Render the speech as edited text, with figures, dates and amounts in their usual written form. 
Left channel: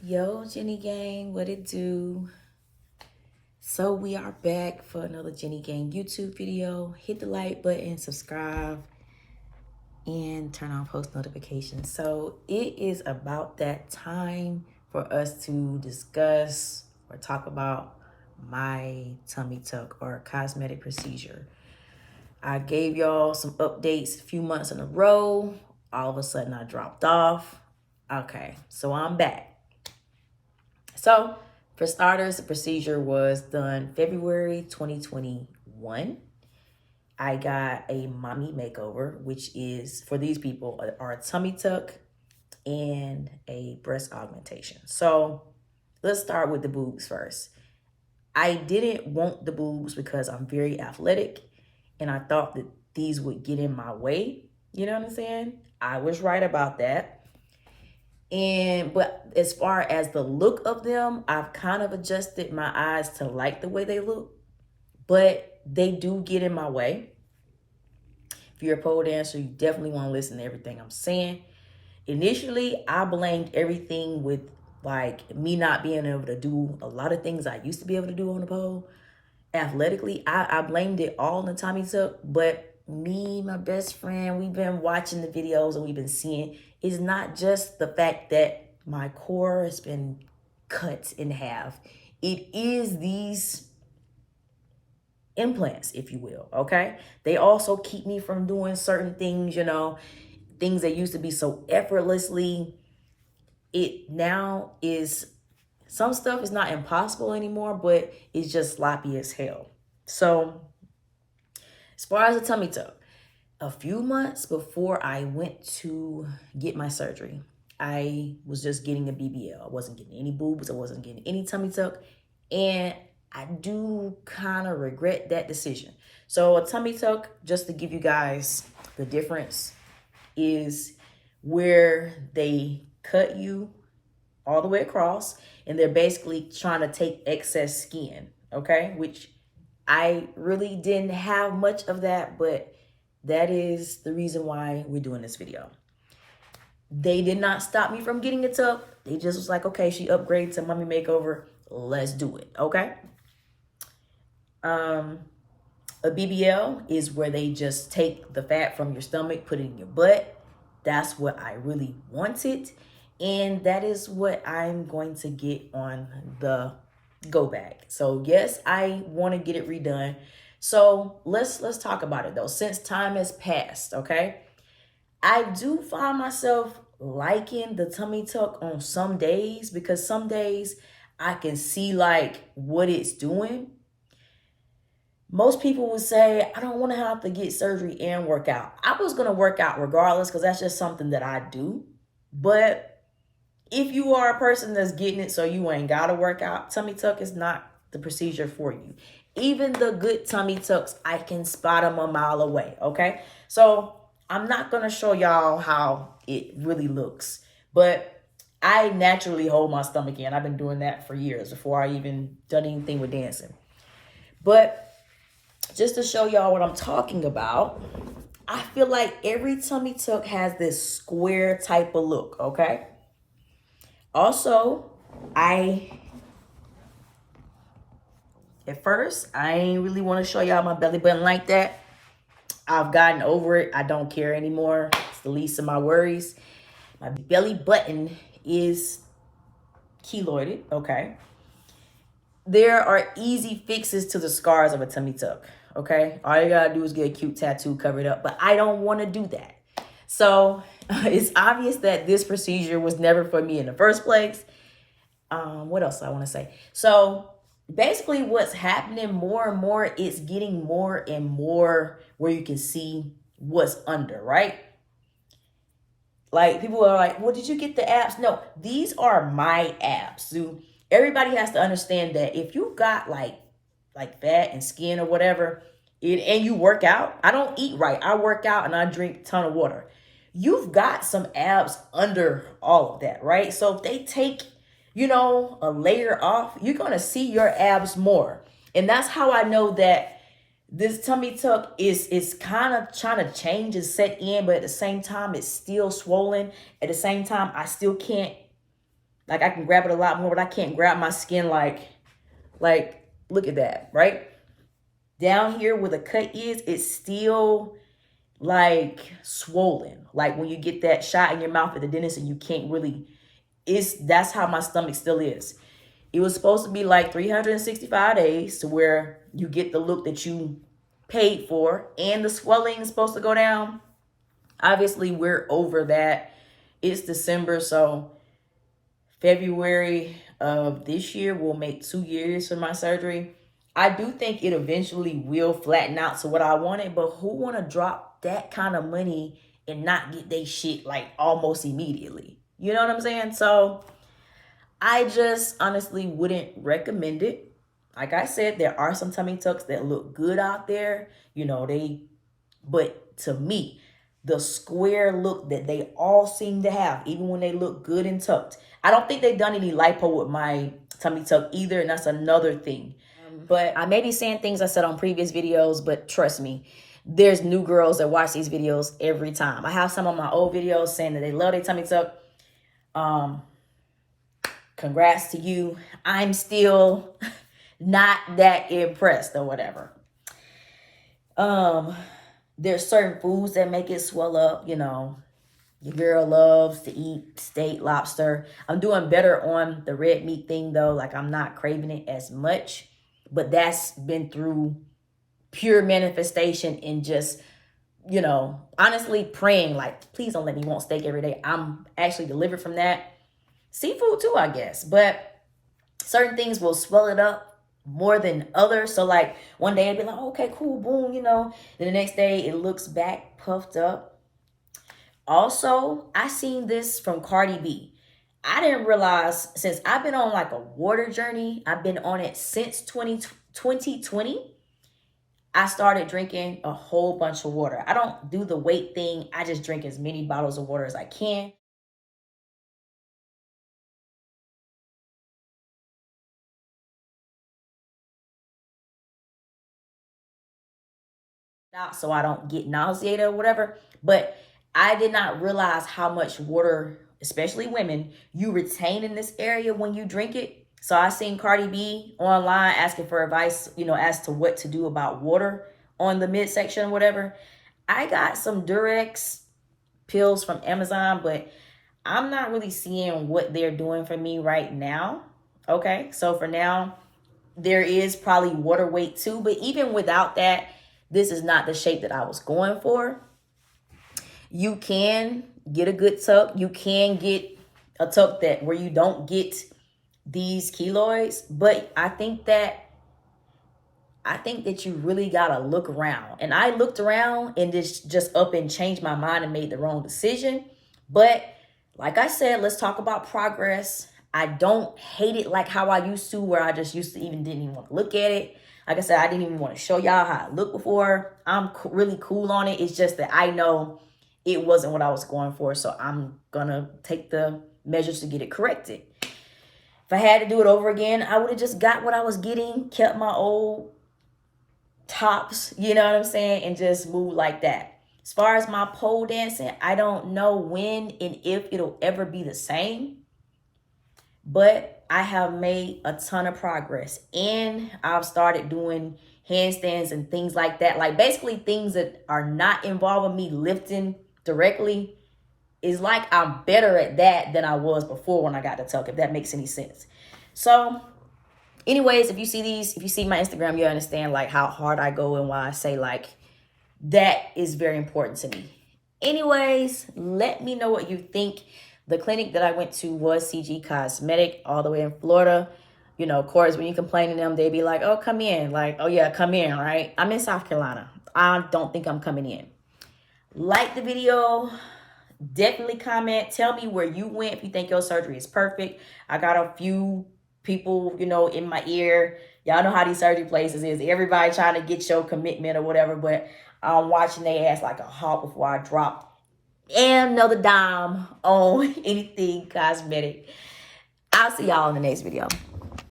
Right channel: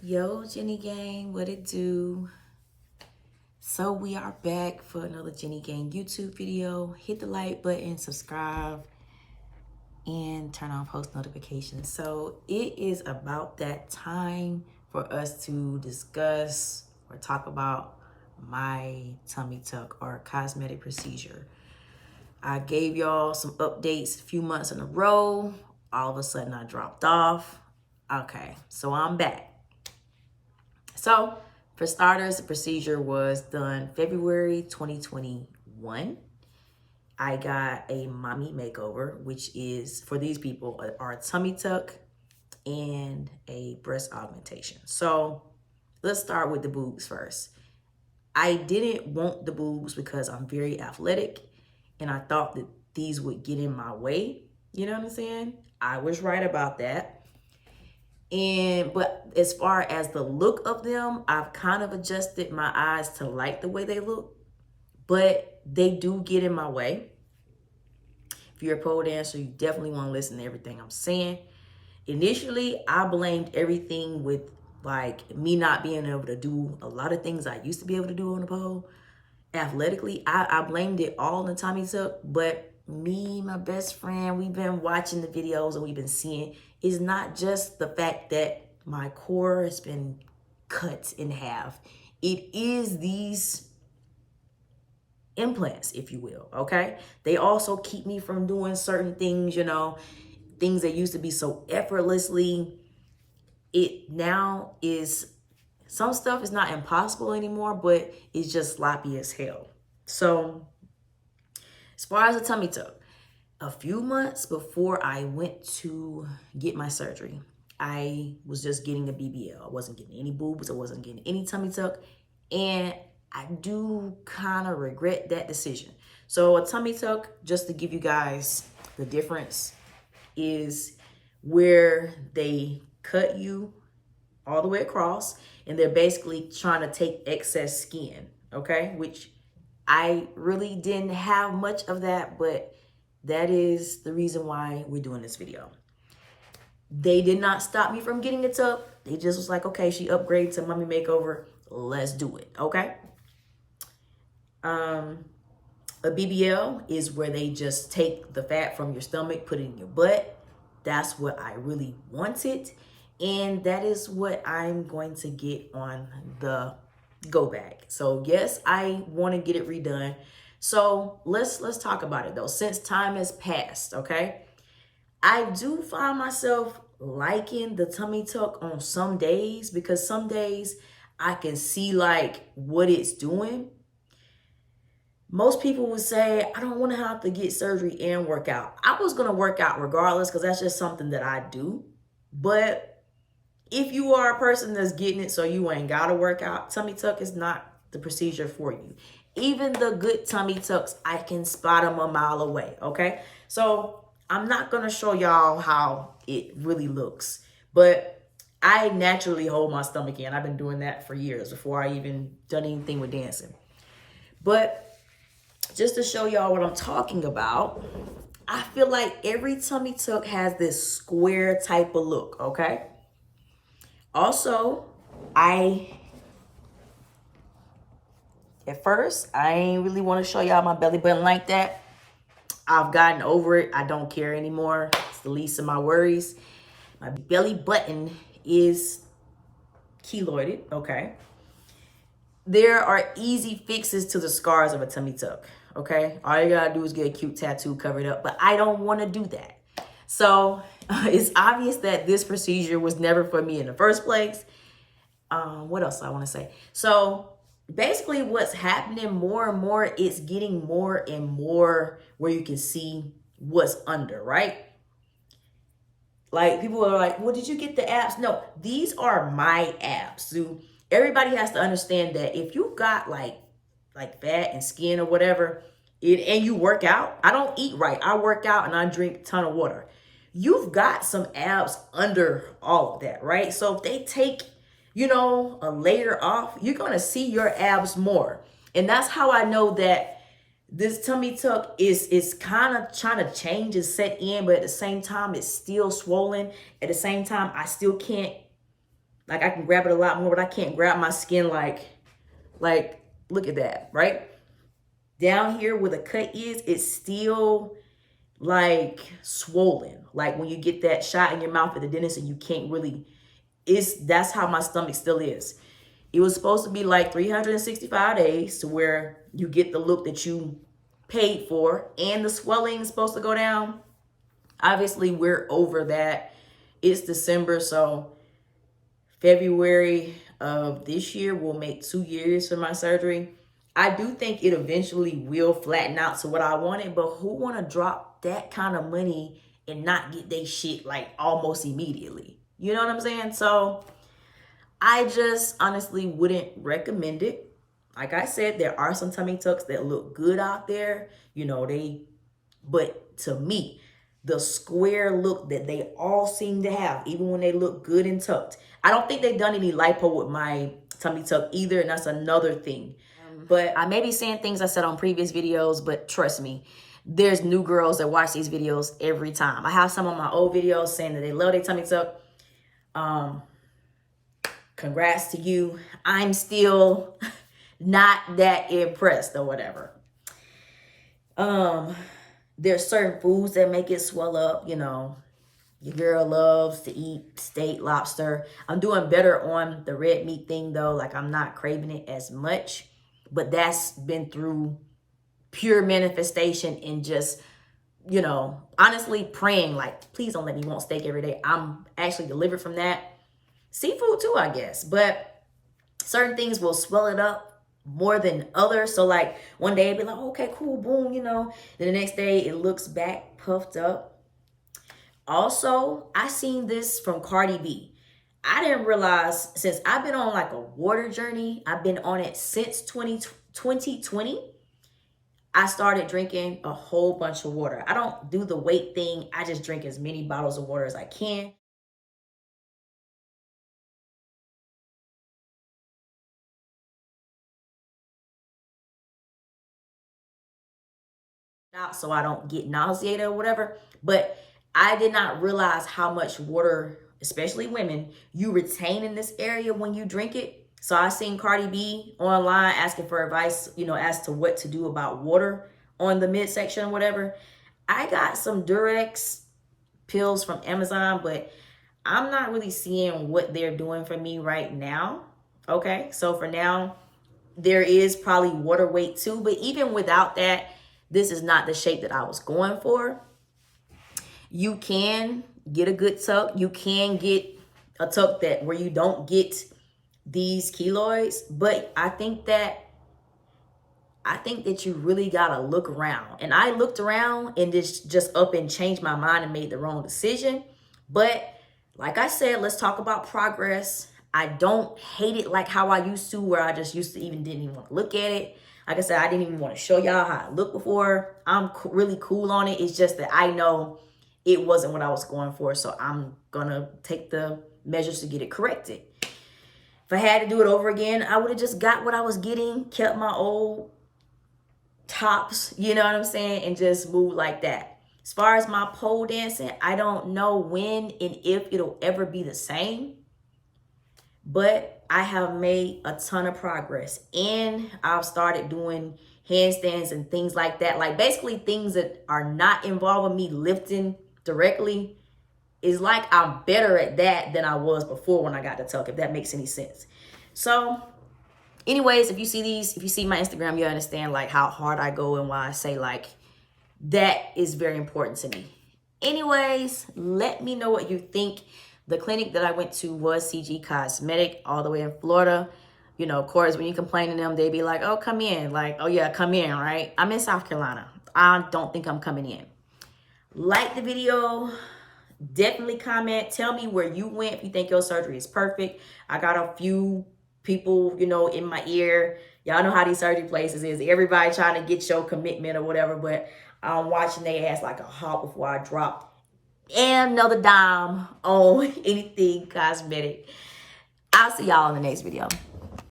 Yo, Jenny Gang, what it do? So we are back for another Jenny Gang YouTube video. Hit the like button, subscribe, and turn on post notifications. So it is about that time for us to discuss or talk about my tummy tuck or cosmetic procedure. I gave y'all some updates a few months in a row. All of a sudden I dropped off. Okay, so I'm back. So for starters, the procedure was done February 2021. I got a mommy makeover, which is, for these people, are a tummy tuck and a breast augmentation. So let's start with the boobs first. I didn't want the boobs because I'm very athletic and I thought that these would get in my way. You know what I'm saying? I was right about that. But as far as the look of them, I've kind of adjusted my eyes to like the way they look, but they do get in my way. If you're a pole dancer, you definitely want to listen to everything I'm saying. Initially, I blamed everything with like me not being able to do a lot of things I used to be able to do on the pole. Athletically, I blamed it all on the tummy tuck, but me, my best friend, we've been watching the videos and we've been seeing it's not just the fact that my core has been cut in half. It is these implants, if you will, okay? They also keep me from doing certain things, you know, things that used to be so effortlessly. It now is, some stuff is not impossible anymore, but it's just sloppy as hell. So as far as the tummy tuck, a few months before I went to get my surgery, I was just getting a BBL. I wasn't getting any boobs. I wasn't getting any tummy tuck. And I do kind of regret that decision. So a tummy tuck, just to give you guys the difference, is where they cut you all the way across and they're basically trying to take excess skin, okay? Which I really didn't have much of that, but that is the reason why we're doing this video. They did not stop me from getting a tuck. They just was like, okay, she upgraded to mommy makeover. Let's do it, okay? A BBL is where they just take the fat from your stomach, put it in your butt. That's what I really wanted. And that is what I'm going to get on the go bag. So yes, I want to get it redone. So let's talk about it though. Since time has passed, okay? I do find myself liking the tummy tuck on some days because some days I can see like what it's doing. Most people would say, I don't want to have to get surgery and work out. I was going to work out regardless because that's just something that I do. But if you are a person that's getting it so you ain't got to work out, tummy tuck is not the procedure for you. Even the good tummy tucks, I can spot them a mile away, okay? So I'm not going to show y'all how it really looks. But I naturally hold my stomach in. I've been doing that for years before I even done anything with dancing. But just to show y'all what I'm talking about, I feel like every tummy tuck has this square type of look, okay? Also, at first, I ain't really want to show y'all my belly button like that. I've gotten over it. I don't care anymore. It's the least of my worries. My belly button is keloided, okay? There are easy fixes to the scars of a tummy tuck, okay? All you gotta do is get a cute tattoo, cover it up, but I don't want to do that. So it's obvious that this procedure was never for me in the first place. What else I want to say? So basically what's happening more and more, it's getting more and more where you can see what's under, right? Like people are like, well, did you get the abs? No, these are my abs. So everybody has to understand that if you got like fat and skin or whatever, and you work out, I don't eat right. I work out and I drink a ton of water. You've got some abs under all of that, right? So if they take, you know, a layer off, you're going to see your abs more. And that's how I know that this tummy tuck is kind of trying to change and set in, but at the same time, it's still swollen. At the same time, I still can't Like I can grab it a lot more, but I can't grab my skin like look at that, right? Down here where the cut is, it's still like swollen. Like when you get that shot in your mouth at the dentist and you can't really, that's how my stomach still is. It was supposed to be like 365 days to where you get the look that you paid for and the swelling is supposed to go down. Obviously, we're over that. It's December, so February of this year will make 2 years for my surgery. I do think it eventually will flatten out to what I wanted, but who want to drop that kind of money and not get their shit like almost immediately? You know what I'm saying? So I just honestly wouldn't recommend it. Like I said, there are some tummy tucks that look good out there. You know, but to me, the square look that they all seem to have, even when they look good and tucked. I don't think they've done any lipo with my tummy tuck either, and that's another thing. But I may be saying things I said on previous videos, but trust me, there's new girls that watch these videos every time. I have some of my old videos saying that they love their tummy tuck. Congrats to you. I'm still not that impressed or whatever. There's certain foods that make it swell up, you know. Your girl loves to eat steak, lobster. I'm doing better on the red meat thing though. Like I'm not craving it as much, but that's been through pure manifestation and just, you know, honestly praying like, please don't let me want steak every day. I'm actually delivered from that. Seafood too, I guess, but certain things will swell it up more than others. So like one day I'd be like, okay, cool, boom, you know. Then the next day it looks back puffed up. Also, I seen this from Cardi B. I didn't realize, since I've been on like a water journey, I've been on it since 2020. I started drinking a whole bunch of water. I don't do the weight thing. I just drink as many bottles of water as I can. So I don't get nauseated or whatever. But I did not realize how much water, especially women, you retain in this area when you drink it. So I seen Cardi B online asking for advice, you know, as to what to do about water on the midsection or whatever. I got some Durex pills from Amazon, but I'm not really seeing what they're doing for me right now. Okay, so for now, there is probably water weight too, but even without that, this is not the shape that I was going for. You can get a good tuck. You can get a tuck that where you don't get these keloids, but I think that you really gotta look around. And I looked around and just up and changed my mind and made the wrong decision. But like I said, let's talk about progress. I don't hate it like how I used to, where I just used to didn't even want to look at it. Like I said, I didn't even want to show y'all how I looked before. I'm really cool on it. It's just that I know it wasn't what I was going for. So I'm going to take the measures to get it corrected. If I had to do it over again, I would have just got what I was getting, kept my old tops, you know what I'm saying, and just moved like that. As far as my pole dancing, I don't know when and if it'll ever be the same. But I have made a ton of progress. And I've started doing handstands and things like that. Like basically things that are not involving me lifting directly. It's like I'm better at that than I was before when I got the tuck, if that makes any sense. So anyways, if you see my Instagram, you understand like how hard I go and why I say like that is very important to me. Anyways, let me know what you think. The clinic that I went to was CG Cosmetic all the way in Florida. You know, of course, when you complain to them, they be like, oh, come in. Like, oh, yeah, come in, right? I'm in South Carolina. I don't think I'm coming in. Like the video. Definitely comment. Tell me where you went if you think your surgery is perfect. I got a few people, you know, in my ear. Y'all know how these surgery places is. Everybody trying to get your commitment or whatever. But I'm watching their ass like a hawk before I drop and another dime on anything cosmetic. I'll see y'all in the next video.